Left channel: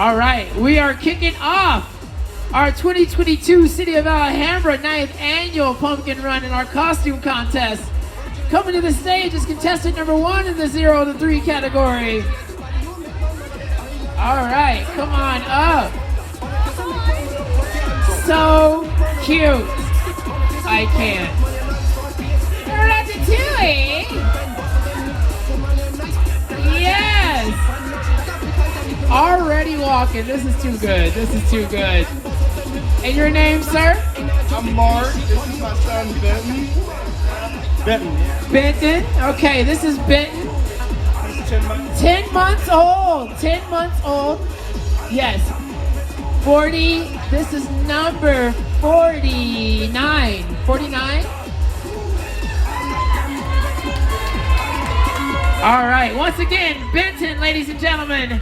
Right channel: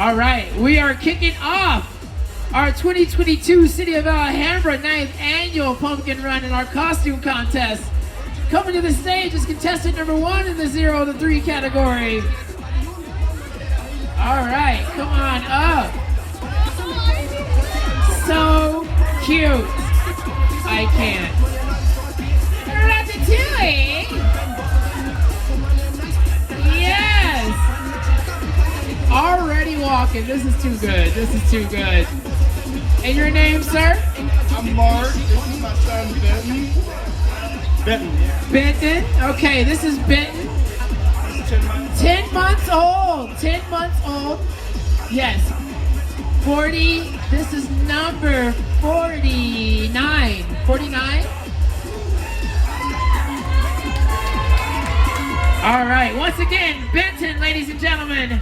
All right, we are kicking off our 2022 City of Alhambra 9th Annual Pumpkin Run in our costume contest. Coming to the stage is contestant number 1 in the 0 to 3 category. All right, come on up. So cute. I can't. Ratatouille. Yes. Already walking. This is too good. This is too good. And your name, sir? I'm Mark. This is my son, Benton. Benton. Okay, this is Benton. 10 months old. 10 months old. Yes. 40. This is number 49. 49? All right. Once again, Benton, ladies and gentlemen.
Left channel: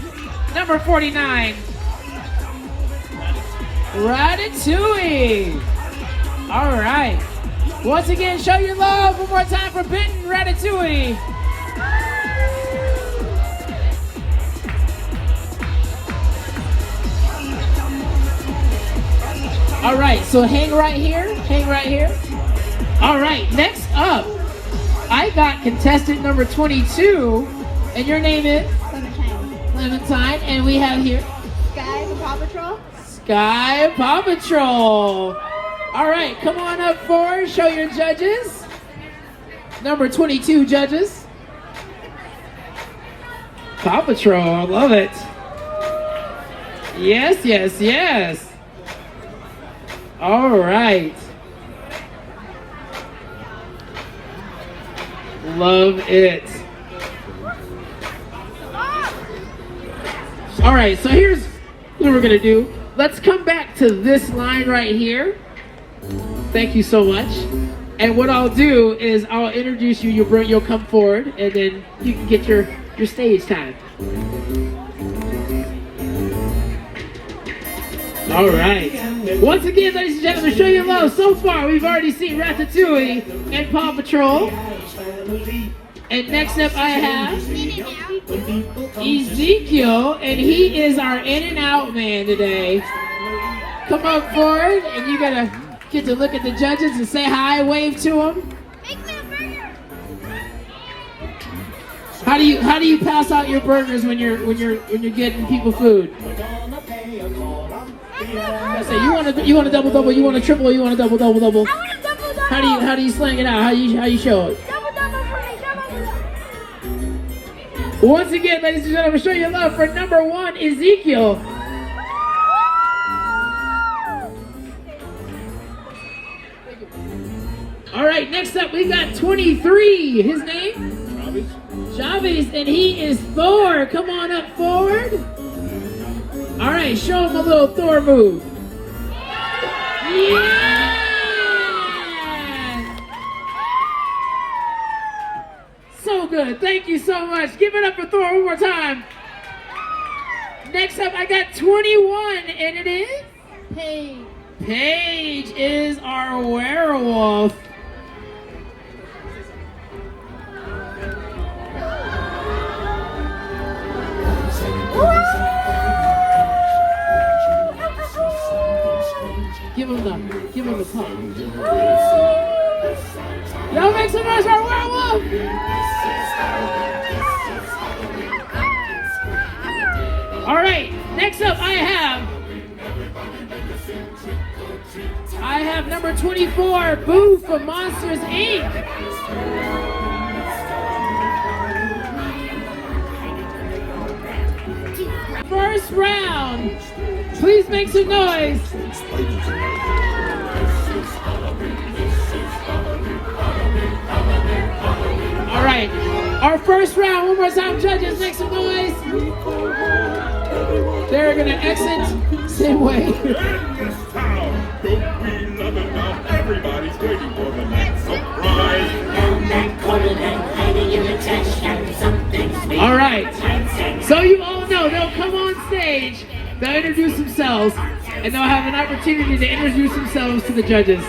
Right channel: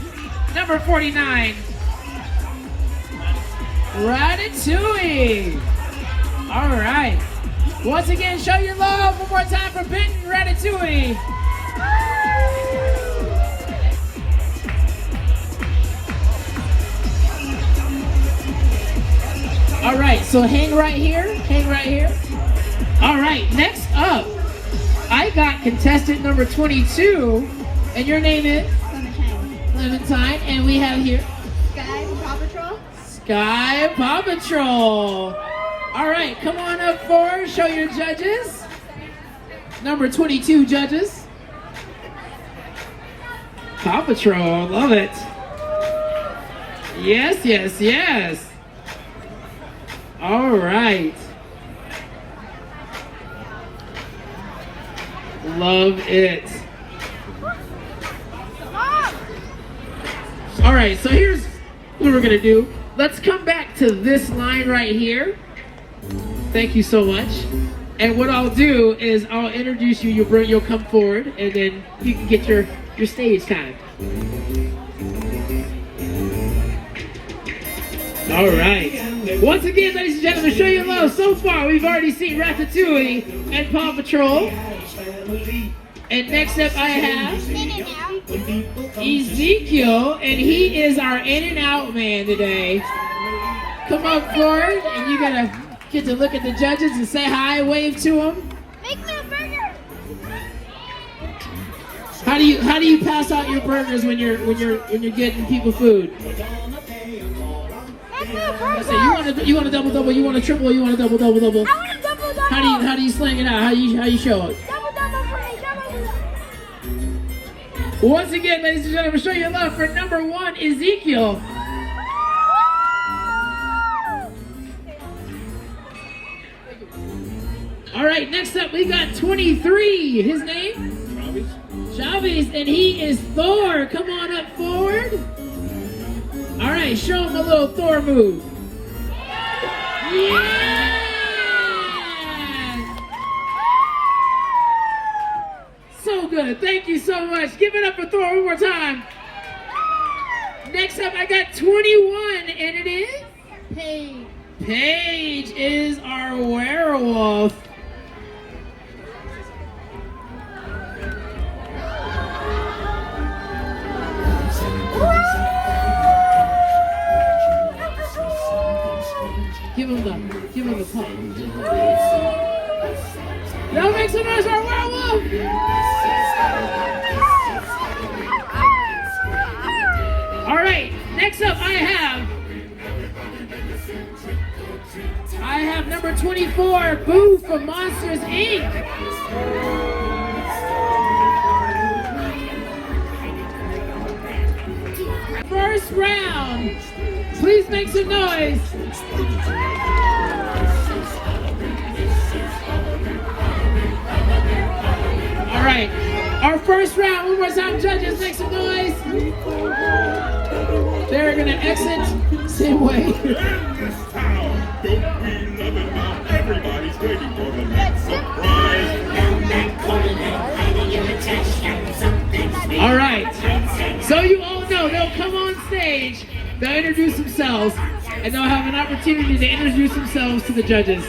Number 49. Ratatouille. All right. Once again, show your love one more time for Benton Ratatouille. All right, so hang right here. Hang right here. All right, next up, I got contestant number 22, and your name is? Clementine, and we have here Sky from Paw Patrol. Sky Paw Patrol. All right, come on up forward, show your judges. Number 22 judges. Paw Patrol, I love it. Yes, yes, yes. All right. Love it. All right, so here's what we're gonna do. Let's come back to this line right here. Thank you so much. And what I'll do is I'll introduce you. You'll come forward, and then you can get your stage time. All right. Once again, ladies and gentlemen, show your love. So far, we've already seen Ratatouille and Paw Patrol. And next up, I have Ezekiel, and he is our in and out man today. Come on forward, and you're gonna get to look at the judges and say hi, wave to them. How do you pass out your burgers when you're getting people food? So you want a double double, you want a triple, you want a double double double. How do you sling it out? How you show it? Once again, ladies and gentlemen, show your love for number 1, Ezekiel. All right, next up we got 23. His name? Chavez, and he is Thor. Come on up forward. All right, show him a little Thor move. Yeah! So good. Thank you so much. Give it up for Thor one more time. Next up, I got 21, and it is Paige. Paige is our werewolf. Give him the pump. Y'all make some noise for our werewolf! All right, next up I have number 24, Boo from Monsters, Inc. First round. Please make some noise. All right, our first round. One more time, judges, make some noise. They're gonna exit same way. Everybody's waiting for the next surprise. All right, so you all know they'll come on stage, they'll introduce themselves, and they'll have an opportunity to introduce themselves to the judges.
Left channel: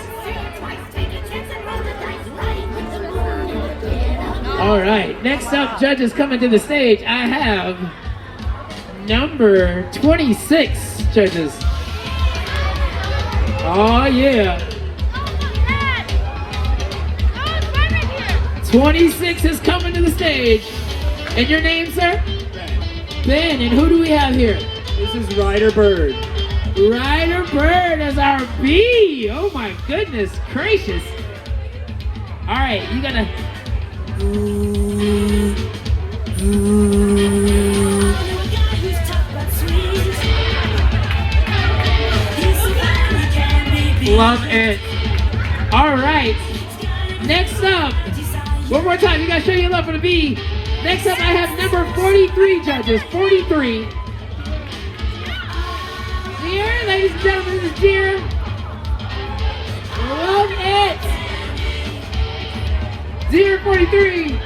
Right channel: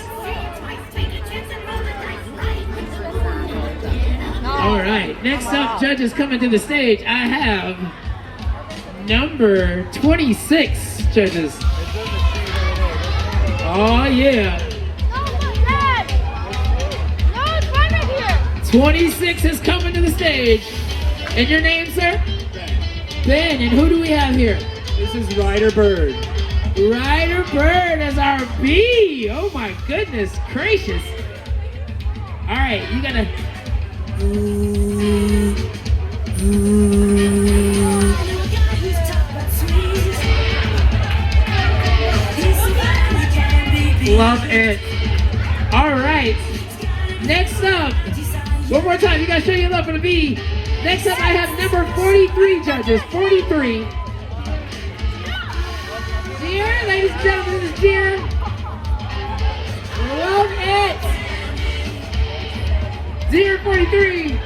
All right, next up, judges coming to the stage, I have number 26, judges. Oh, yeah. 26 is coming to the stage. And your name, sir? Ben. And who do we have here? This is Ryder Bird. Ryder Bird as our B. Oh my goodness gracious. All right, you gotta. Love it. All right. Next up, one more time. You gotta show your love for the B. Next up, I have number 43, judges. 43. Dear, ladies and gentlemen, this is Dear. Love it. Dear 43.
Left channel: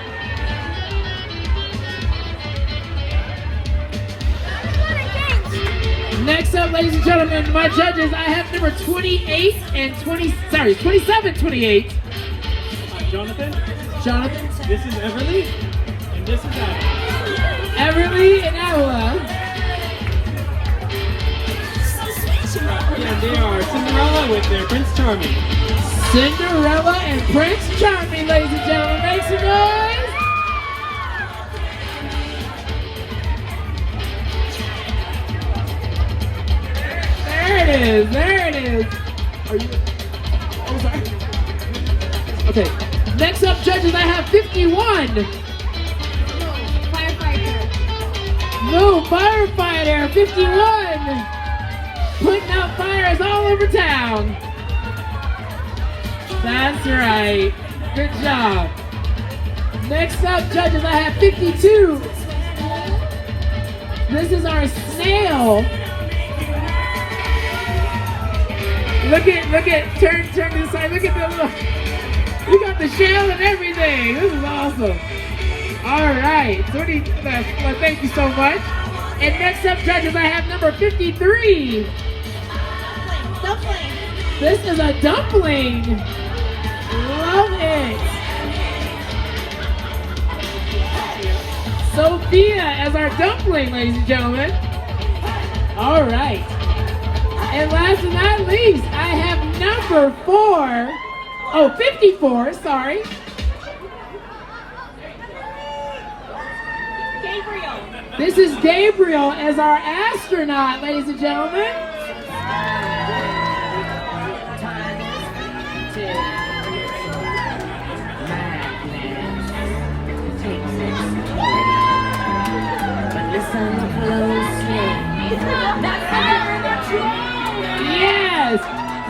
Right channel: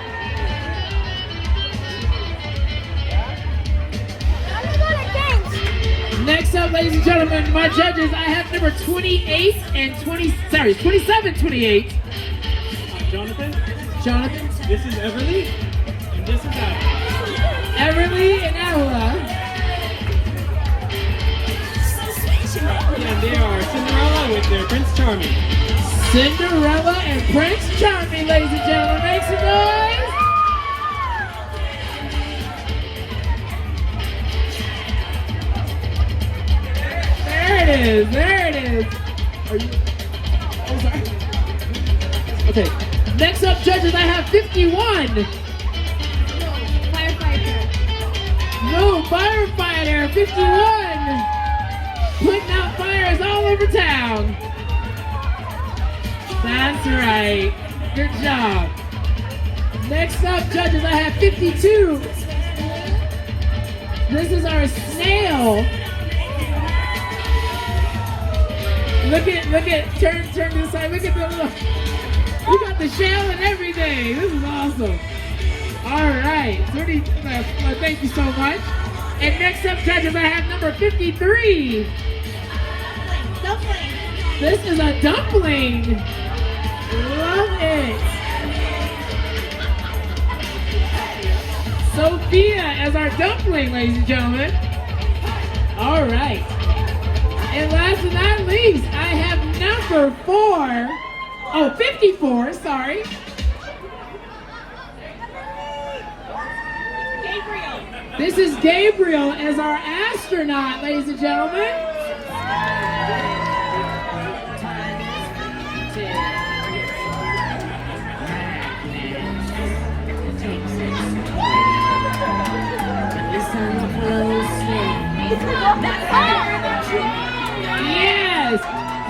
Next up, ladies and gentlemen, my judges, I have number 28 and 27, 28. Jonathan. Jonathan. This is Everly. And this is Ella. Everly and Ella. And they are Cinderella with their Prince Charming. Cinderella and Prince Charming, ladies and gentlemen. Make some noise. There it is. There it is. Are you? Oh, sorry. Okay. Next up, judges, I have 51. No, firefighter, 51. Putting out fires all over town. That's right. Good job. Next up, judges, I have 52. This is our snail. Look at, turn this side. Look at the look. We got the shell and everything. This is awesome. All right. Well, thank you so much. And next up, judges, I have number 53. Dumpling. This is a dumpling. Love it. Sophia as our dumpling, ladies and gentlemen. All right. And last but not least, I have number 54, sorry. Gabriel. This is Gabriel as our astronaut, ladies and gentlemen. Yes!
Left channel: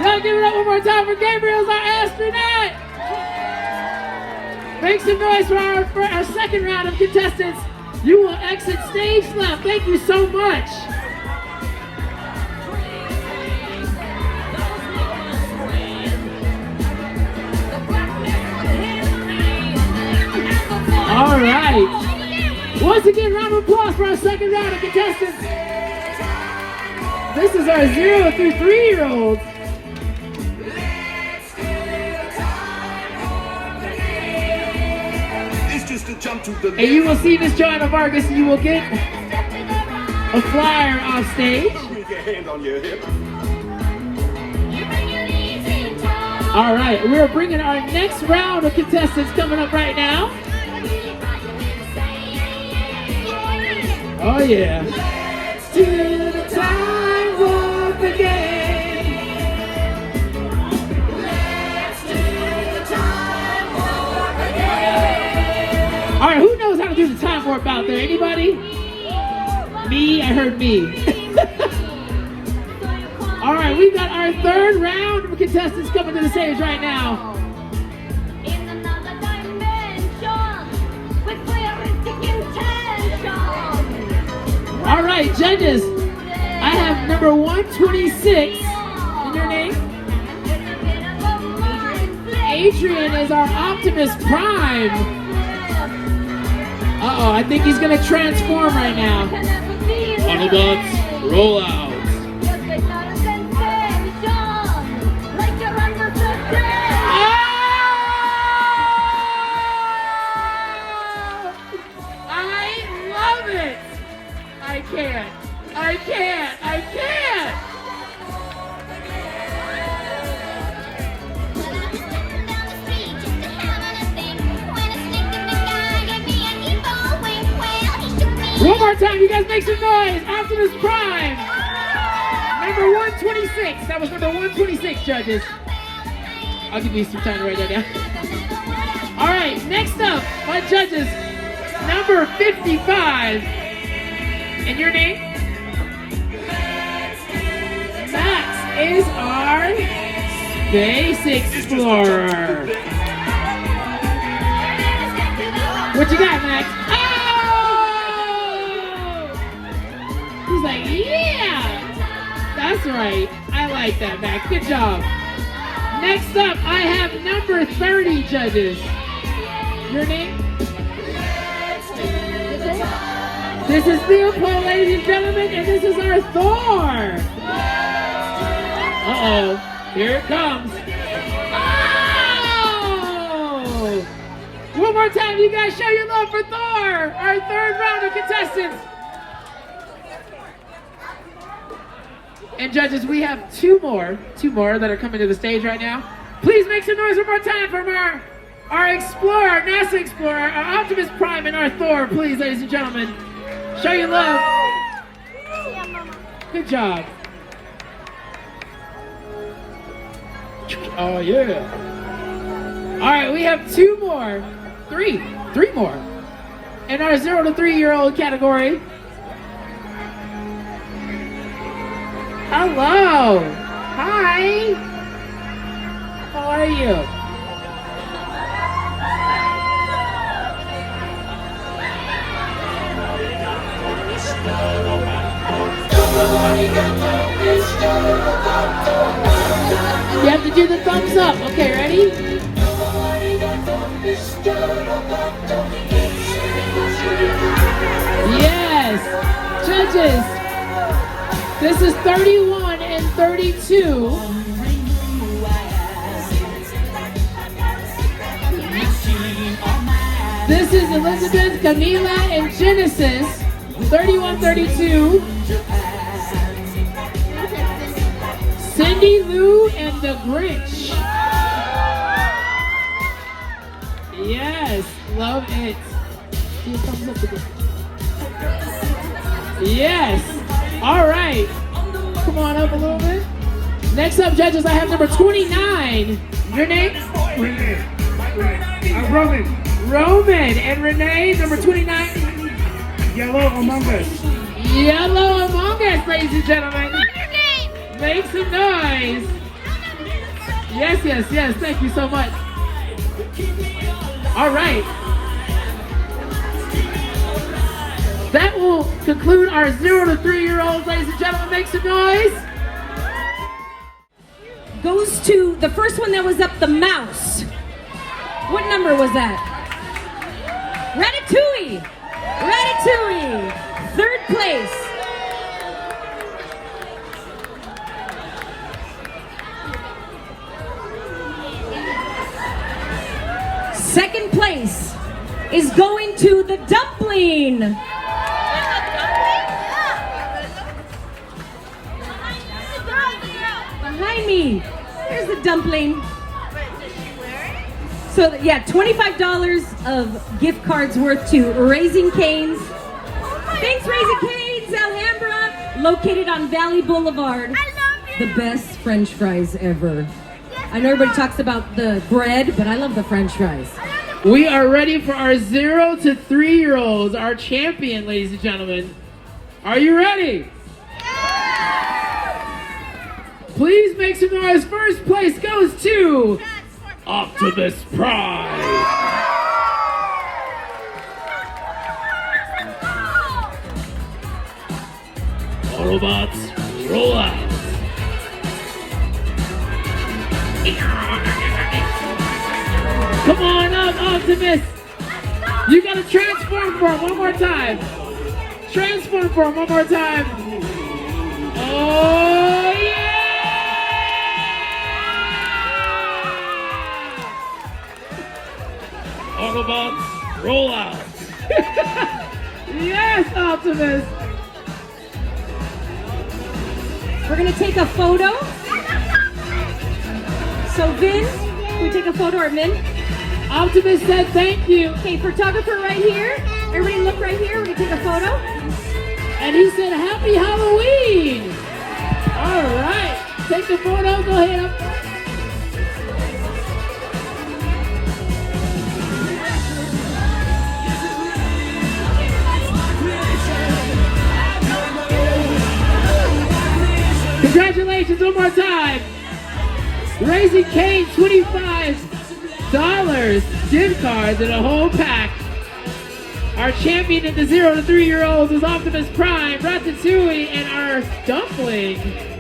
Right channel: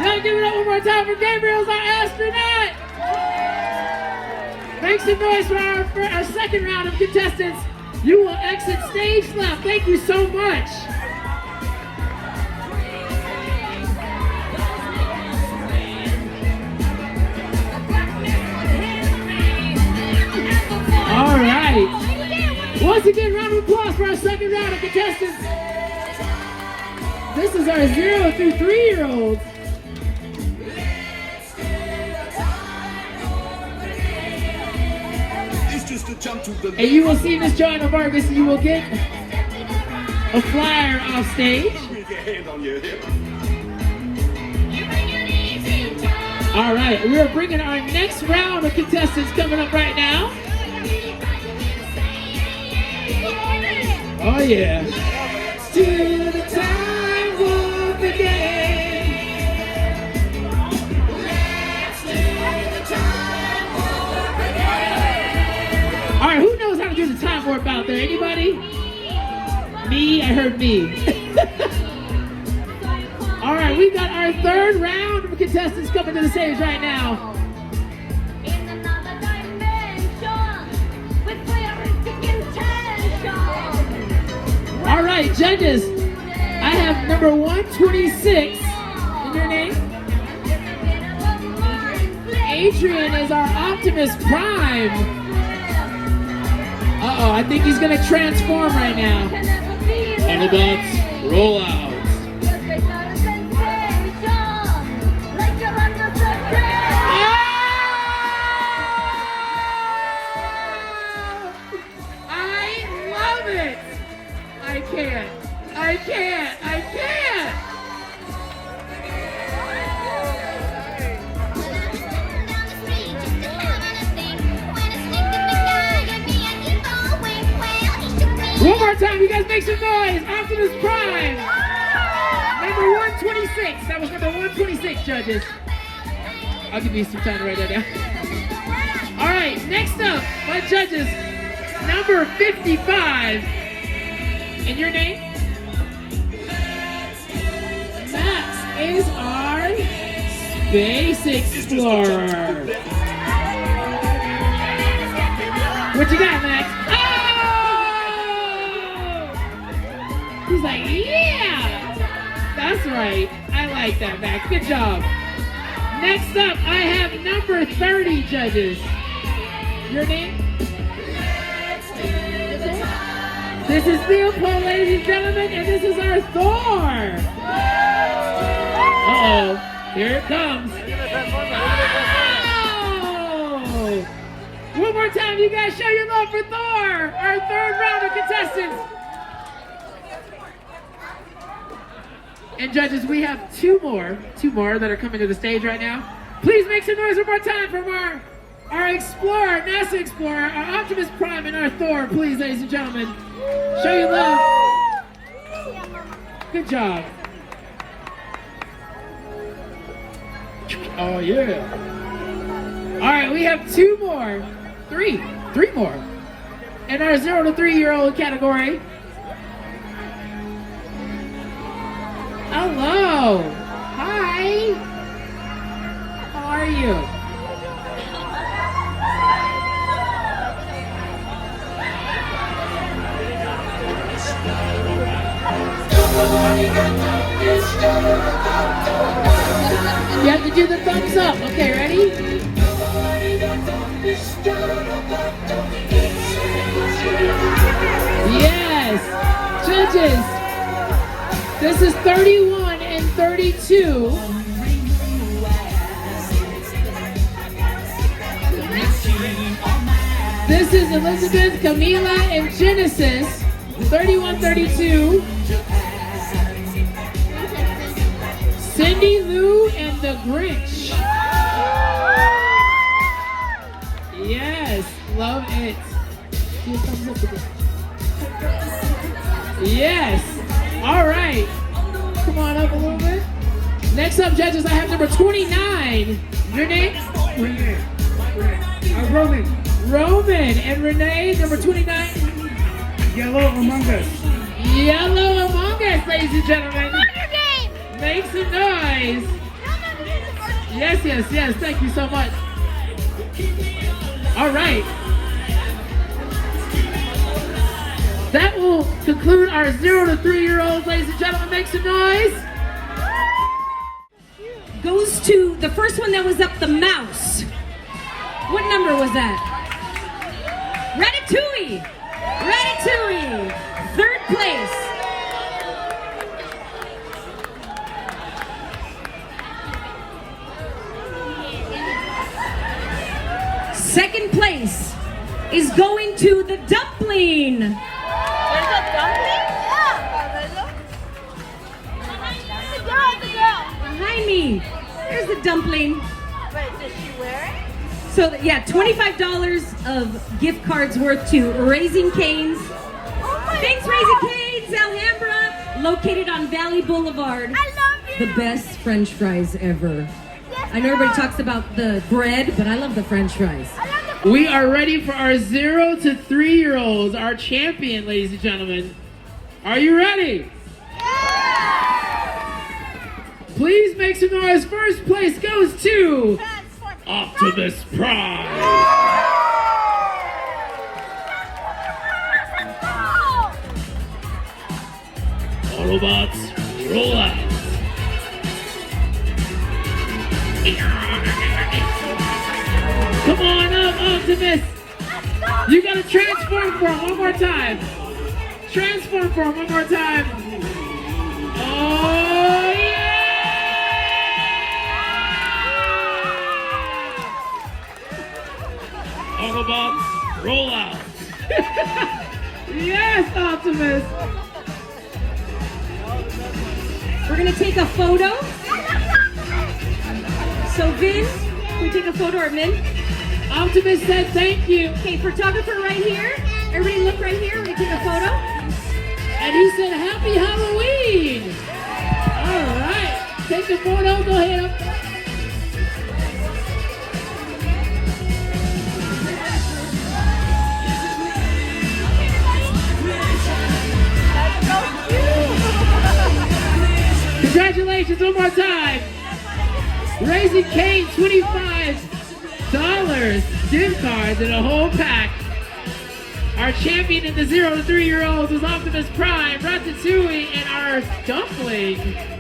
Y'all give it up one more time for Gabriel as our astronaut! Make some noise for our second round of contestants. You will exit stage left. Thank you so much. All right. Once again, round of applause for our second round of contestants. This is our 0 through 3-year-olds. And you will see Miss Joanna Vargas, and you will get a flyer off stage. All right, we're bringing our next round of contestants coming up right now. Oh yeah. To the time of the game. All right, who knows how to do the time warp out there? Anybody? Me? I heard me. All right, we've got our third round of contestants coming to the stage right now. All right, judges, I have number 126. And your name? Adrian is our Optimus Prime. Uh-oh, I think he's gonna transform right now. Autobots, roll out. I love it. I can't. can't. I can't. One more time, you guys make some noise. Optimus Prime. Number 126. That was number 126, judges. I'll give you some time to write that down. All right, next up, my judges, number 55. And your name? Max is our Space Explorer. What you got, Max? Oh! He's like, yeah! That's right. I like that, Max. Good job. Next up, I have number 30 judges. Your name? This is Leopold, ladies and gentlemen, and this is our Thor. Uh-oh. Here it comes. Oh! One more time, you guys show your love for Thor, our third round of contestants. And judges, we have two more that are coming to the stage right now. Please make some noise one more time from our Explorer, NASA Explorer, our Optimus Prime, and our Thor, please, ladies and gentlemen. Show your love. Good job. Oh, yeah. All right, we have three more. In our 0 to 3 year old category. Hello. Hi. How are you? You have to do the thumbs up. Okay, ready? Yes. Judges, this is 31 and 32. This is Elizabeth, Camila, and Genesis. 31-32. Cindy Lou and the Grinch. Yes, love it. Here comes up again. Yes. All right. Come on up a little bit. Next up, judges, I have number 29. Your name? Roman. Roman. And Renee, number 29. Yellow Among Us. Yellow Among Us, ladies and gentlemen. Make some noise. Yes. Thank you so much. All right. That will conclude our 0 to 3 year olds, ladies and gentlemen. Make some noise. Goes to the first one that was up, the mouse. What number was that? Ratatouille. Third place. Second place is going to the dumpling. Behind me. Here's the dumpling. So yeah, $25 of gift cards worth to Raising Cane's. Thanks, Raising Cane's, Alhambra, located on Valley Boulevard. The best French fries ever. I know everybody talks about the bread, but I love the French fries. We are ready for our 0 to 3 year olds, our champion, ladies and gentlemen. Are you ready? Please make some noise. First place goes to Optimus Prime. Autobots, roll out. Come on up, Optimus. You gotta transform for him one more time. Transform for him one more time. Oh, yeah! Autobots, roll out. Yes, Optimus. gonna take a photo. So Vin, can we take a photo or Vin? Optimus said thank you. Okay, photographer right here. Everybody look right here. We're gonna take a photo. And he said happy Halloween. All right. Take the photo. Go ahead. Congratulations one more time. Raising Cane, $25 gift cards and a whole pack. Our champion in the 0 to 3-year-olds is Optimus Prime, Ratatouille, and our dumpling